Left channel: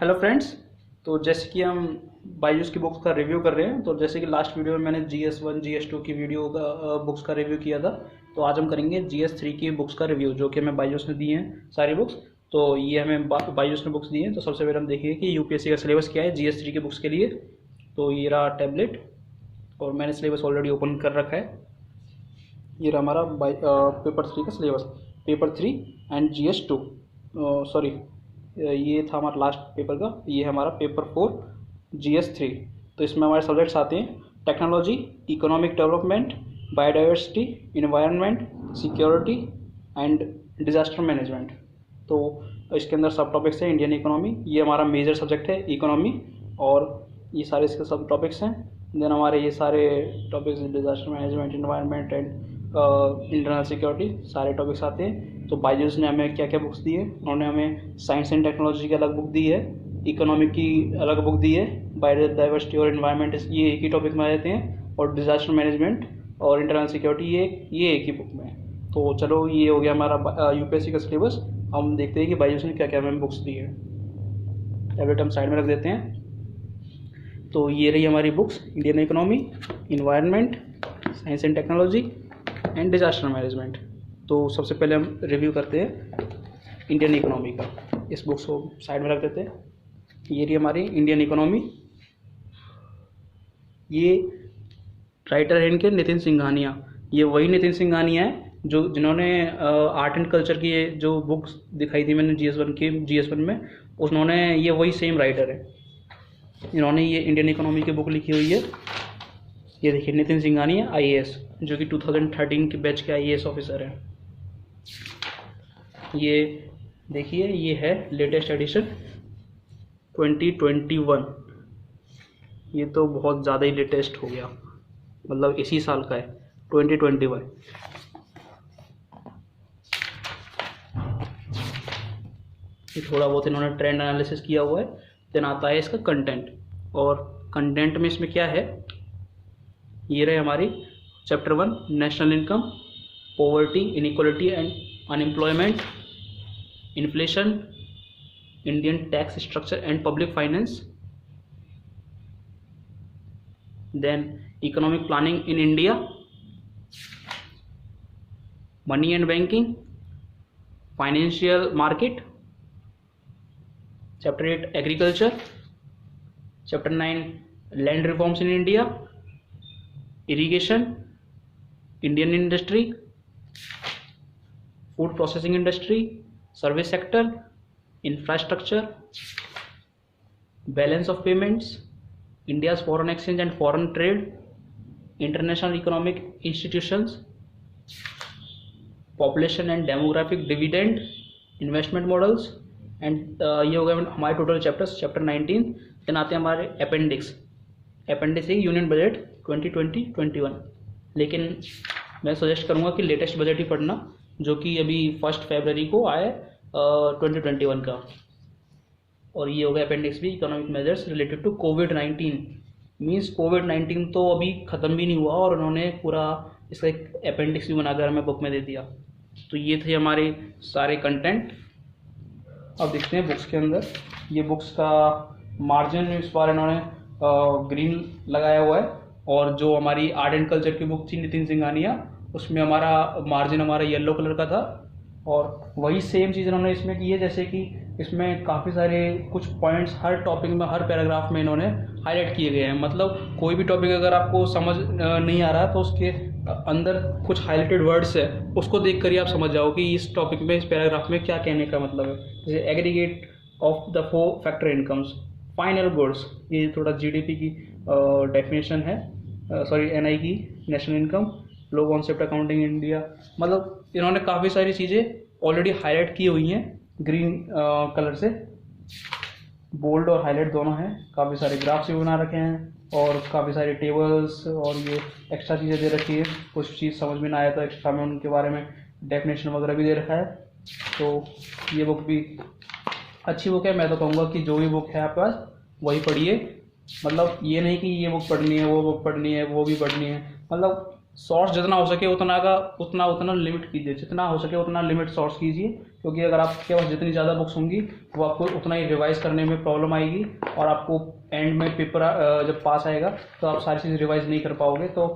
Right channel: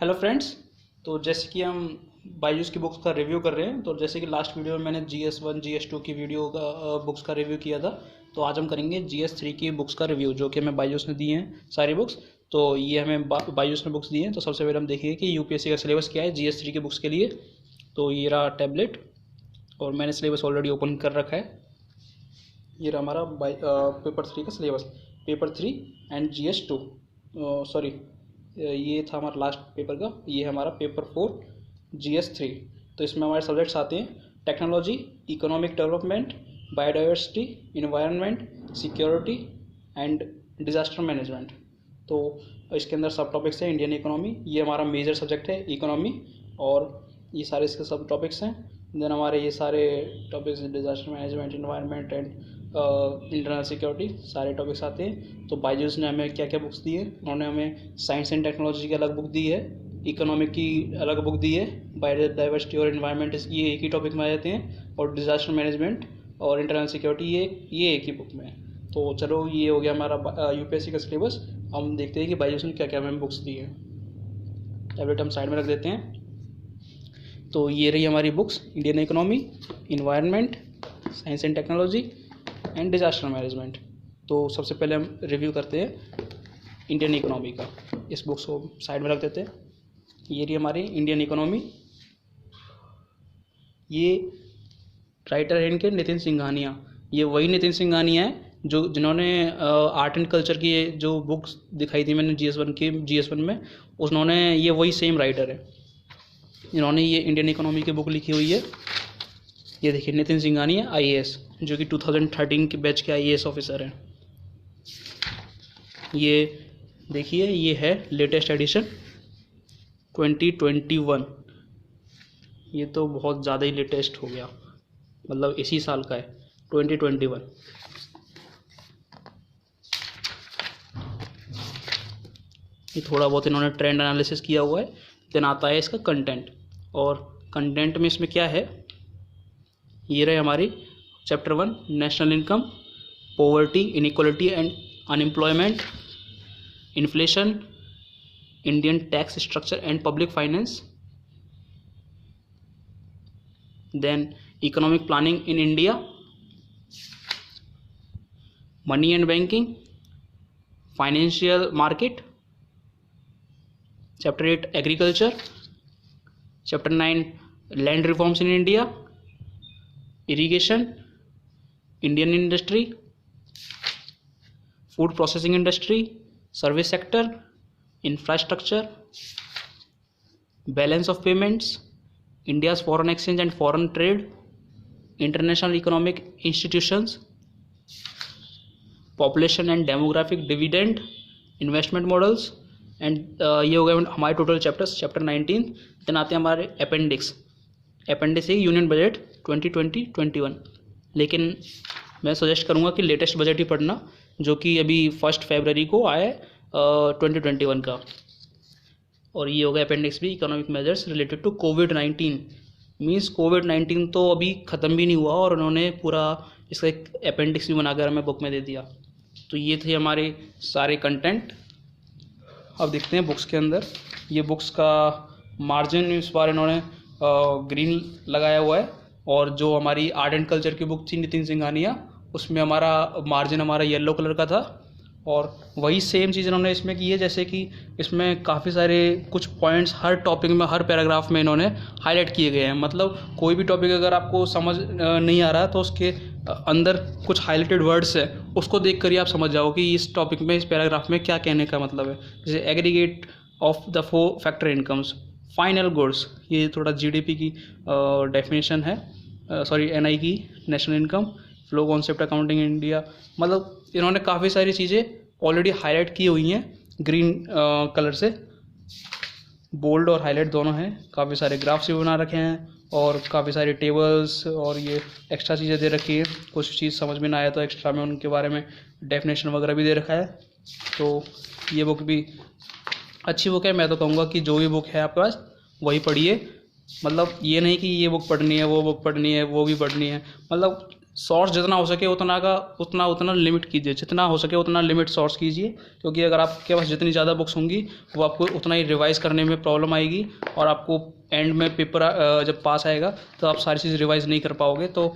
Hello friends. तो जैसे कि हम बायजूस की बुक्स का रिव्यू कर रहे हैं, तो जैसे कि लास्ट वीडियो में मैंने GS1 GS2 की वीडियो का बुक्स का रिव्यू किया था, तो आज हम करेंगे GS3 की बुक्स का रिव्यू, जो कि हमें बायजूस ने दी हैं सारी बुक्स। तो ये हमें बायजूस ने बुक्स दी हैं। तो सबसे पहले हम देखेंगे कि यूपीएससी का सिलेबस क्या है GS3 की बुक्स के लिए। तो ये रहा टैबलेट और मैंने सिलेबस ऑलरेडी ओपन कर रखा है। ये रहा हमारा पेपर 3 का syllabus, paper 3 and GS2। Sorry, ये था हमारा लास्ट पेपर का। ये है हमारा पेपर 4 GS3। तो इसमें हमारे सब्जेक्ट्स आते हैं technology, economic development, biodiversity, environment, security and disaster management. तो इसके अंदर सब टॉपिक्स हैं इंडियन इकोनॉमी, ये हमारा मेजर सब्जेक्ट है इकोनॉमी, और ये सारे इसके सब टॉपिक्स हैं। देन हमारे ये सारे topics disaster management, environment and internal security, सारे टॉपिक्स आते हैं। तो बायजूस ने हमें क्या क्या बुक्स दी है, उन्होंने हमें साइंस एंड टेक्नोलॉजी की अलग बुक दी है, इकोनॉमिक की अलग बुक दी है, बायोडाइवर्सिटी और इन्वायरमेंट ये एक ही टॉपिक में आ जाते हैं, और डिजास्टर मैनेजमेंट और इंटरनल सिक्योरिटी ये एक ही बुक में है। तो चलो, ये हो गया हमारा यूपीएससी का सिलेबस। हम देखते हैं कि बायजूस ने क्या क्या हमें बुक्स दी है। टैबलेट हम साइड में रख देते हैं। तो ये रही हमारी books, Indian economy, environment, science and technology and disaster management. तो सबसे पहले हम रिव्यू करते हैं इंडियन इकोनॉमी का। इस बुक्स को साइड में रख देते हैं। ये रही हमारी इंडियन इकोनॉमी। ये राइटर है इनके नितिन सिंघानिया। ये वही नितिन सिंघानिया है जिन्होंने आर्ट एंड कल्चर की जो बुक्स दिखाई थी मैंने GS1 में, उन्होंने ये वही सेम राइटर है। इन्होंने ये इंडियन इकोनॉमी की बुक लिखी हुई है। ये देखिए, नितिन सिंघानिया IAS, जो कि 2013 के बैच के IAS ऑफिसर हैं। ये देखिए, ये है लेटेस्ट एडिशन 2021। ये तो बहुत ज़्यादा ही लेटेस्ट हो गया, मतलब इसी साल का है 2021। ये थोड़ा बहुत इन्होंने ट्रेंड एनालिसिस किया हुआ है। देन आता है इसका कंटेंट, और कंटेंट में इसमें क्या है, ये रहे हमारी chapter 1 national income, poverty, inequality and unemployment, inflation, Indian tax structure and public finance, then economic planning in India, money and banking, financial market, chapter 8 agriculture, chapter 9 land reforms in India, irrigation, Indian industry, food processing industry, service sector, infrastructure, balance of payments, India's foreign exchange and foreign trade, international economic institutions, population and demographic dividend, investment models and ये हो गए हमारे total chapters, chapter 19। Then आते हैं हमारे appendix है union budget 2020-21। लेकिन मैं सजेस्ट करूँगा कि लेटेस्ट बजट ही पढ़ना, जो कि अभी 1 फरवरी को आया 2021 का। और ये हो गया अपेंडिक्स भी, economic measures related to covid. Means कोविड-19 तो अभी ख़त्म भी नहीं हुआ और उन्होंने पूरा इसका एक अपेंडिक्स भी बनाकर हमें बुक में दे दिया। तो ये थे हमारे सारे कंटेंट। अब देखते हैं बुक्स के अंदर। ये बुक्स का मार्जिन इस बार इन्होंने ग्रीन लगाया हुआ है, और जो हमारी आर्ट एंड कल्चर की बुक थी नितिन सिंघानिया, उसमें हमारा मार्जिन हमारा येलो कलर का था। और वही सेम चीज़ इन्होंने इसमें की है, जैसे कि इसमें काफ़ी सारे कुछ पॉइंट्स हर टॉपिक में, हर पैराग्राफ में इन्होंने हाईलाइट किए गए हैं। मतलब कोई भी टॉपिक अगर आपको समझ नहीं आ रहा तो उसके अंदर कुछ हाईलाइटेड वर्ड्स है, उसको देख कर ही आप समझ जाओ कि इस टॉपिक में, इस पैराग्राफ में क्या कहने का मतलब है। जैसे aggregate of the 4 factor incomes, final goods, ये थोड़ा GDP की डेफिनेशन है, सॉरी NI की, national income, flow concept accounting India. मतलब इन्होंने काफ़ी सारी चीज़ें ऑलरेडी हाईलाइट की हुई हैं ग्रीन कलर से, बोल्ड और हाईलाइट दोनों हैं। काफ़ी सारे ग्राफ्स भी बना रखे हैं और काफ़ी सारे टेबल्स और ये एक्स्ट्रा चीज़ें दे रखी है। कुछ चीज़ समझ में ना आया तो एक्स्ट्रा में उनके बारे में डेफिनेशन वगैरह भी दे रखा है। तो ये बुक भी अच्छी बुक है। मैं तो कहूँगा कि जो भी बुक है आपके पास वही पढ़िए। मतलब ये नहीं कि ये बुक पढ़नी है, वो बुक पढ़नी है, वो भी पढ़नी है। मतलब सोर्स जितना हो सके उतना लिमिट कीजिए, जितना हो सके उतना लिमिट सोर्स कीजिए, क्योंकि अगर आपके पास जितनी ज़्यादा बुक्स होंगी वो आपको उतना ही रिवाइज करने में प्रॉब्लम आएगी, और आपको एंड में पेपर जब पास आएगा तो आप सारी चीज़ रिवाइज नहीं कर पाओगे, तो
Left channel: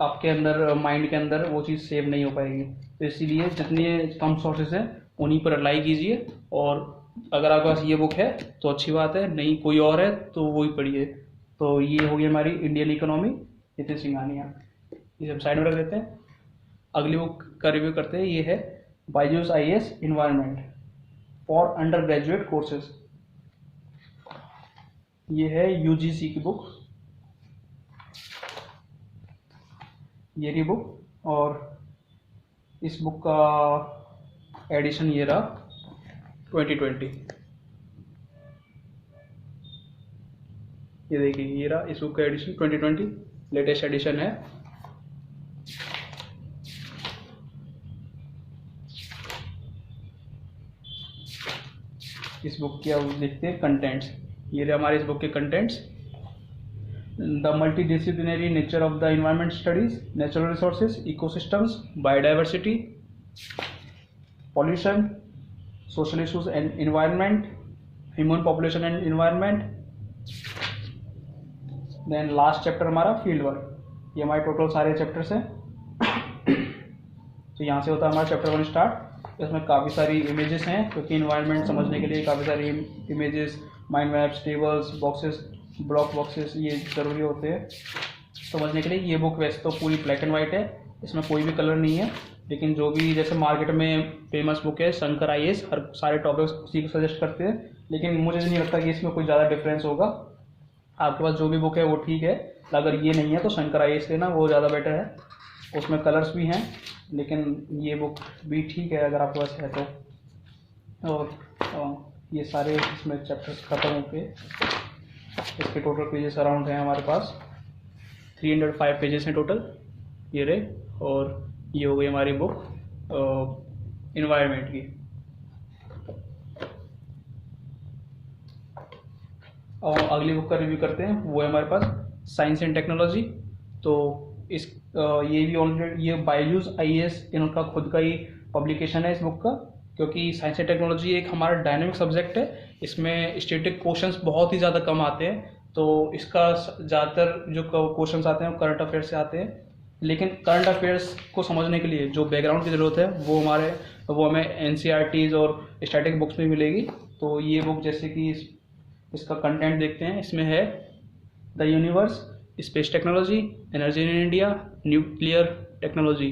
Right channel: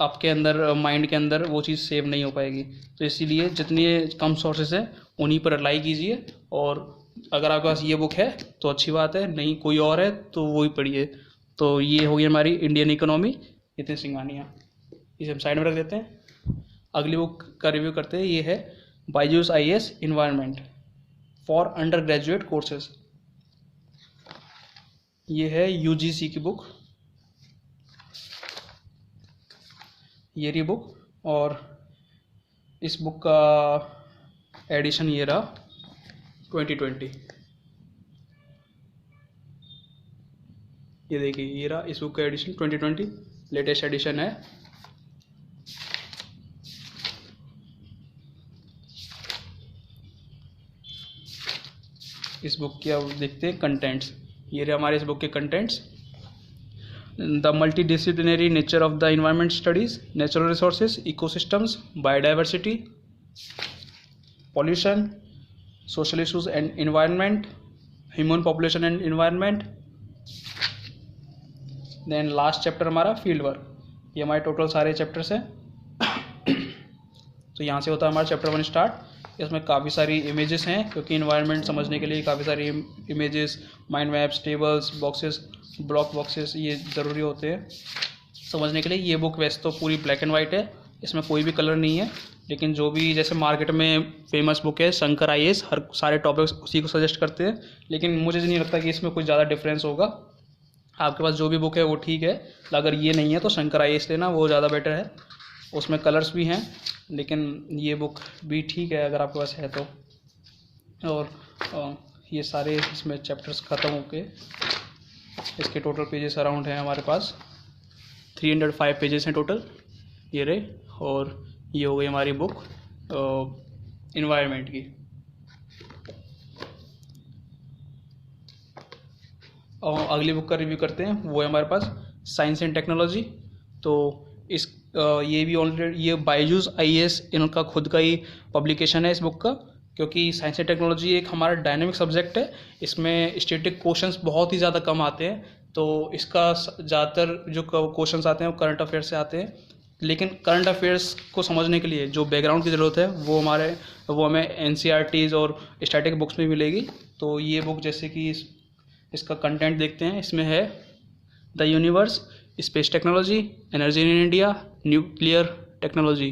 आपके अंदर माइंड के अंदर वो चीज़ सेव नहीं हो पाएगी। तो इसीलिए जितनी कम सोर्सेज हैं उन्हीं पर रिलाई कीजिए, और अगर आपके पास ये बुक है तो अच्छी बात है, नहीं कोई और है तो वही पढ़िए। तो ये होगी हमारी इंडियन इकोनॉमी, नितिन सिंघानिया, इसे हम साइड में रख देते हैं। अगली बुक का रिव्यू करते हैं, ये है Byju's IAS environment for under graduate courses. ये है UGC की बुक, ये रही बुक, और इस बुक का एडिशन ये रहा 2020। ये देखिए, ये रहा इस बुक का एडिशन 2020, लेटेस्ट एडिशन है। इस बुक के अब देखते हैं कंटेंट्स। ये रहे हमारे इस बुक के contents. The multidisciplinary nature of the environment studies, natural resources, ecosystems, biodiversity, pollution, social issues and environment, human population and environment. Then last chapter हमारा फील्ड वर्क। ये हमारे टोटल सारे चैप्टर्स हैं। तो यहाँ से होता है हमारा चैप्टर 1 स्टार्ट। इसमें काफ़ी सारी इमेजेस हैं, क्योंकि इन्वायरमेंट समझने के लिए काफ़ी सारी images, mind maps, tables, boxes, block boxes ये ज़रूरी होते हैं समझने के लिए। ये बुक वैसे तो पूरी ब्लैक एंड वाइट है, इसमें कोई भी कलर नहीं है, लेकिन जो भी जैसे मार्केट में फेमस बुक है शंकर IAS, हर सारे टॉपिक्स उसी को सजेस्ट करते हैं, लेकिन मुझे नहीं लगता कि इसमें कुछ ज़्यादा डिफरेंस होगा। आपके पास जो भी बुक है वो ठीक है, अगर ये नहीं है तो शंकर IAS लेना, वो ज़्यादा बेटर है। उसमें कलर्स भी हैं, लेकिन ये बुक भी ठीक है अगर आपके पास है तो। और ये सारे इसमें चैप्टर्स ख़त्म होके इसके टोटल पेजेस अराउंड हैं हमारे पास 305 पेजेस हैं टोटल, ये रहे। और ये हो गई हमारी बुक इन्वायरमेंट की। और अगली बुक का रिव्यू करते हैं, वो है हमारे पास साइंस एंड टेक्नोलॉजी। तो इस ये भी ऑलरेडी ये बायजूस IAS इनका खुद का ही पब्लिकेशन है इस बुक का, क्योंकि साइंस एंड टेक्नोलॉजी एक हमारा डायनेमिक सब्जेक्ट है, इसमें स्टैटिक क्वेश्चंस बहुत ही ज़्यादा कम आते हैं। तो इसका ज़्यादातर जो क्वेश्चंस आते हैं वो करंट अफेयर से आते हैं, लेकिन करंट अफेयर्स को समझने के लिए जो बैकग्राउंड की ज़रूरत है वो हमें NCERTs और स्टैटिक बुक्स में मिलेगी। तो ये बुक जैसे कि इसका कंटेंट देखते हैं, इसमें है the universe, space technology, energy in India, nuclear technology.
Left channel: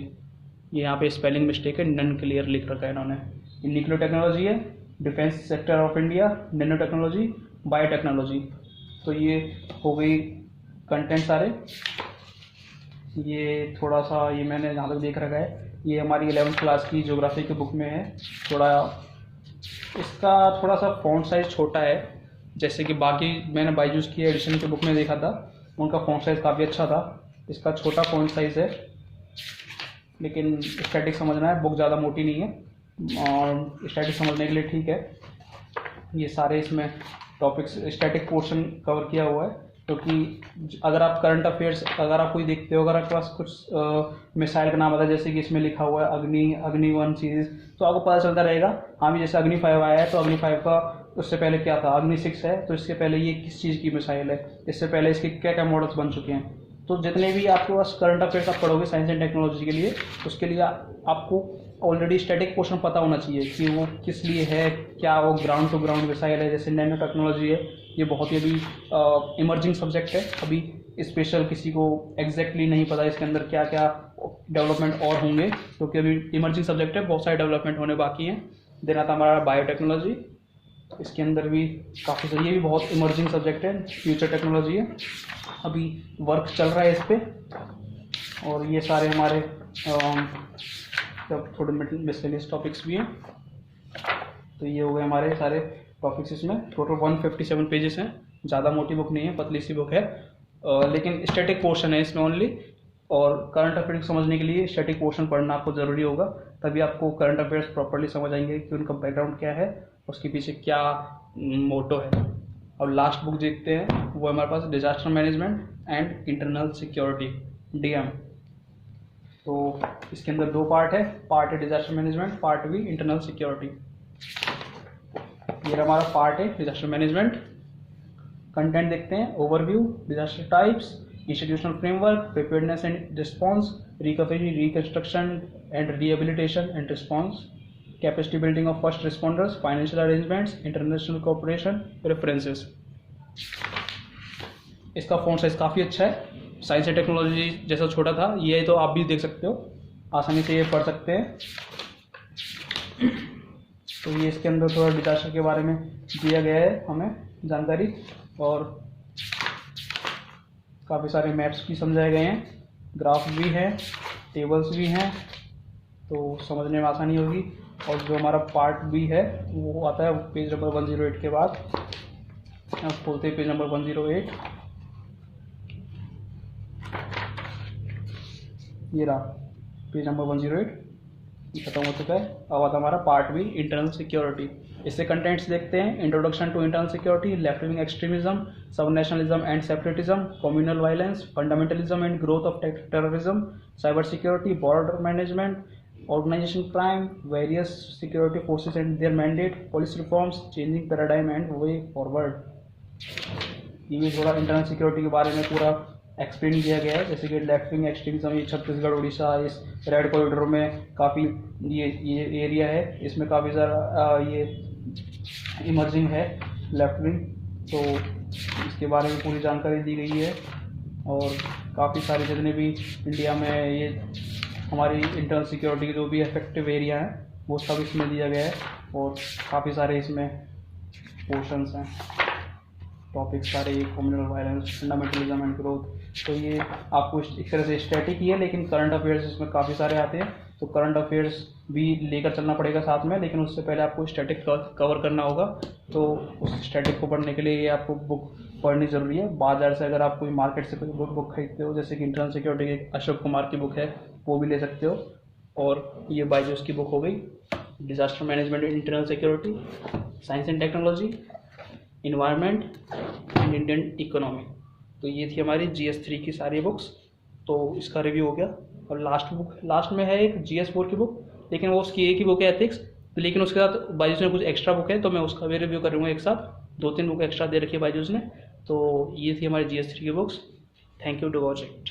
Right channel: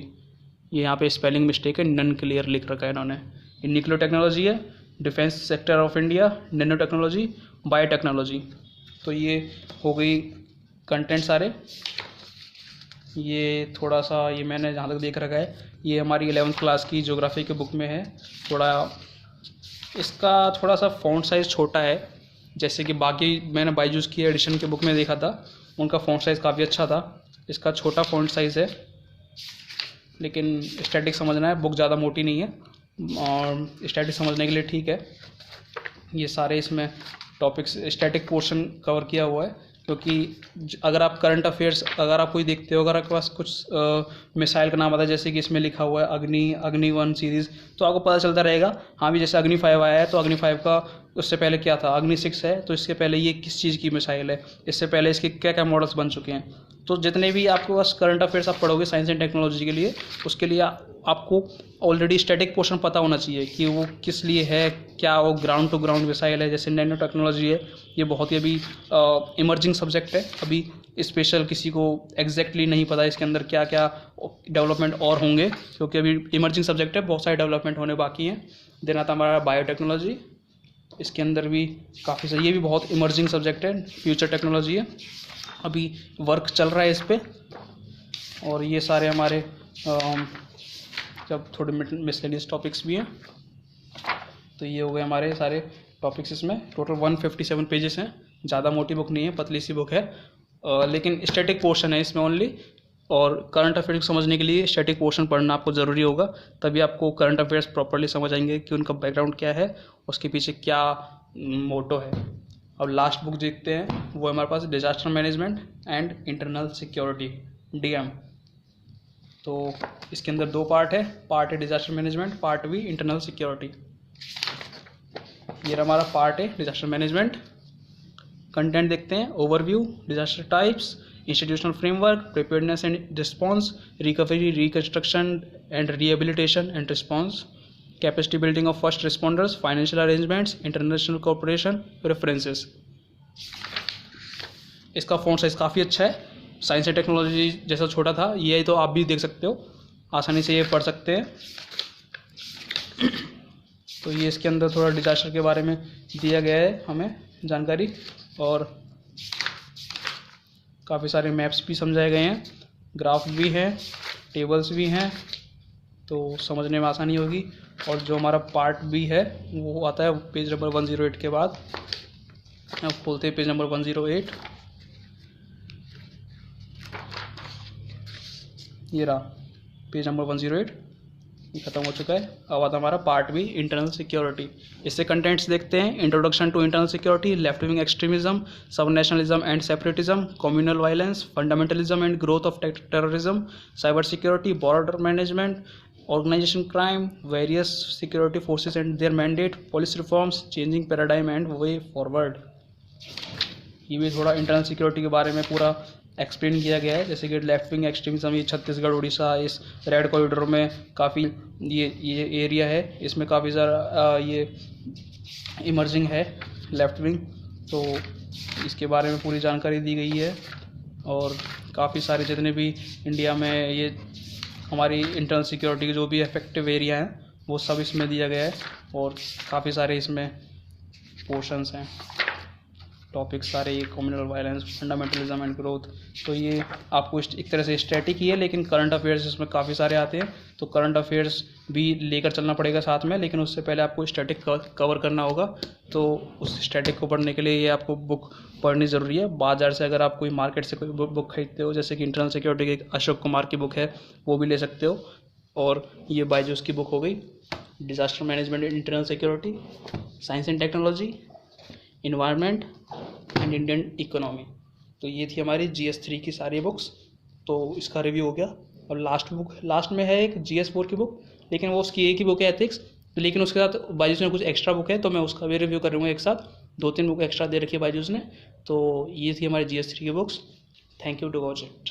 ये यहाँ पे स्पेलिंग मिस्टेक है, नन क्लियर लिख रखा है इन्होंने। ये न्यूक्लियर टेक्नोलॉजी है, defence sector of India, nano technology, biotechnology. तो ये हो गई कंटेंट सारे। ये थोड़ा सा ये मैंने जहाँ तक देख रखा है, ये हमारी 11th क्लास की ज्योग्राफी की बुक में है। थोड़ा इसका थोड़ा सा फ़ॉन्ट साइज़ छोटा है, जैसे कि बाकी मैंने बायजूस की एडिशन की बुक में देखा था, उनका फ़ॉन्ट साइज़ काफ़ी अच्छा था। इसका छोटा फ़ॉन्ट साइज़ है, लेकिन स्टैटिक समझना है, बुक ज़्यादा मोटी नहीं है और स्टैटिक समझने के लिए ठीक है। ये सारे इसमें टॉपिक्स स्टैटिक पोर्शन कवर किया हुआ है, क्योंकि अगर आप करंट अफेयर्स अगर आप कोई देखते हो, अगर आपके पास कुछ मिसाइल का नाम आता है, जैसे कि इसमें लिखा हुआ है अग्नि 1 सीरीज़, तो आपको पता चलता रहेगा हाँ भी जैसे अग्नि 5 आया है तो अग्नि 5 का उससे पहले क्या था, अग्नि 6 है तो इसके पहले ये किस चीज़ की मिसाइल है, इससे पहले इसके क्या क्या मॉडल्स बन चुके हैं। तो जितने भी आपके पास करंट अफेयर्स आप पढ़ोगे साइंस एंड टेक्नोलॉजी के लिए, उसके लिए आपको ऑलरेडी स्टैटिक पोर्शन पता होना चाहिए कि वो किस लिए है, क्या वो ग्राउंड टू ग्राउंड मिसाइल है, जैसे नैनो टेक्नोलॉजी है। ये बहुत ही अभी इमर्जिंग सब्जेक्ट है, अभी स्पेशल किसी को एग्जैक्टली नहीं पता इसके अंदर क्या क्या डेवलपमेंट और होंगे, क्योंकि अभी इमर्जिंग सब्जेक्ट है, बहुत सारे डेवलपमेंट होने बाकी हैं। देन आता हमारा बायोटेक्नोलॉजी, इसके अंदर भी काफ़ी सारी, ये भी बहुत इमर्जिंग सब्जेक्ट है, फ्यूचर टेक्नोलॉजी है, अभी वर्क चल रहा है इस पर। और ये सारे हमारे जब थोड़े मिसलेनियस टॉपिक्स भी हैं। तो ये हो गए हमारे सारे टॉपिक्स, इसमें टोटल 157 पेजेस हैं, ज़्यादा मोटी बुक नहीं है, पतली सी बुक है, लेकिन स्टैटिक पोर्शन है इसमें ओनली। और करंट अफेयर्स समझने के लिए स्टैटिक पोर्शन पढ़ना आपको ज़रूरी होगा, तभी आपको करंट अफेयर्स प्रॉपर्ली समझ आएंगे कि उनका बैकग्राउंड क्या है, उसके पीछे क्या मोटो है। अब लास्ट बुक देखते हैं, वो हमारे पास disaster management and internal security, DM। तो इसके अंदर 2 पार्ट है, पार्ट है डिजास्टर मैनेजमेंट, पार्ट भी इंटरनल सिक्योरिटी। ये हमारा पार्ट है डिजास्टर मैनेजमेंट। कंटेंट देखते हैं, overview, disaster types, institutional framework, preparedness and response, recovery, reconstruction and rehabilitation and response, capacity building of first responders, financial arrangements, international cooperation, references. इसका font size काफ़ी अच्छा है, science and technology जैसा छोटा था, ये तो आप भी देख सकते हो, आसानी से ये पढ़ सकते हैं। तो ये इसके अंदर थोड़ा डिजास्टर के बारे में दिया गया है हमें जानकारी, और काफ़ी सारे मैप्स भी समझाए गए हैं, ग्राफ भी हैं, टेबल्स भी हैं, तो समझने में आसानी होगी। और जो हमारा पार्ट बी है वो आता है पेज नंबर 108 के बाद। अब बोलते हैं पेज नंबर 108, ये रहा पेज नंबर 108, ये खत्म हो चुका है। अब आता हमारा पार्ट बी, इंटरनल सिक्योरिटी। इससे कंटेंट्स देखते हैं, introduction to internal security, left wing extremism, sub nationalism and separatism, communal violence, fundamentalism and growth of terrorism, cyber security, border management, organisation crime, various security forces and their mandate, police reforms, changing paradigm and way forward. ये भी थोड़ा internal security के बारे में पूरा explain किया गया है। जैसे कि लेफ्ट विंग एक्सट्रीमिज्म, ये छत्तीसगढ़ उड़ीसा इस रेड कॉरिडोर में काफ़ी ये एरिया है, इसमें काफ़ी सारा ये इमर्जिंग है लेफ्ट विंग, तो इसके बारे में पूरी जानकारी दी गई है। और काफ़ी सारे जितने भी इंडिया में ये हमारी इंटरनल सिक्योरिटी के जो भी इफेक्टिव एरिया हैं वो सब इसमें दिया गया है, और काफ़ी सारे इसमें पोर्शंस हैं, टॉपिक्स सारे, communal violence, fundamentalism and growth. तो ये आपको एक तरह से स्टैटिक ही है, लेकिन करंट अफेयर्स इसमें काफ़ी सारे आते हैं, तो करंट अफेयर्स भी लेकर चलना पड़ेगा साथ में, लेकिन उससे पहले आपको स्टैटिक कवर करना होगा। तो उस स्टैटिक को पढ़ने के लिए ये आपको बुक पढ़नी ज़रूरी है। बाजार से अगर आप कोई मार्केट से कोई बुक खरीदते हो, जैसे कि इंटरनल सिक्योरिटी की अशोक कुमार की बुक है, वो भी ले सकते हो। और ये बायजूस की बुक हो गई, disaster management and internal security, science and technology, environment and Indian economy. तो ये थी हमारी GS3 की सारी बुक्स, तो इसका रिव्यू हो गया। और लास्ट में है एक GS4 की बुक, लेकिन वो उसकी एक ही बुक है एथिक्स, लेकिन उसके साथ बायजूस में कुछ एक्स्ट्रा बुक है, तो मैं उसका भी रिव्यू करूँगा एक साथ। 2-3 बुक एक्स्ट्रा दे रखी है बायजूस ने। तो ये थी हमारी GS3 की books. Thank you to watch it.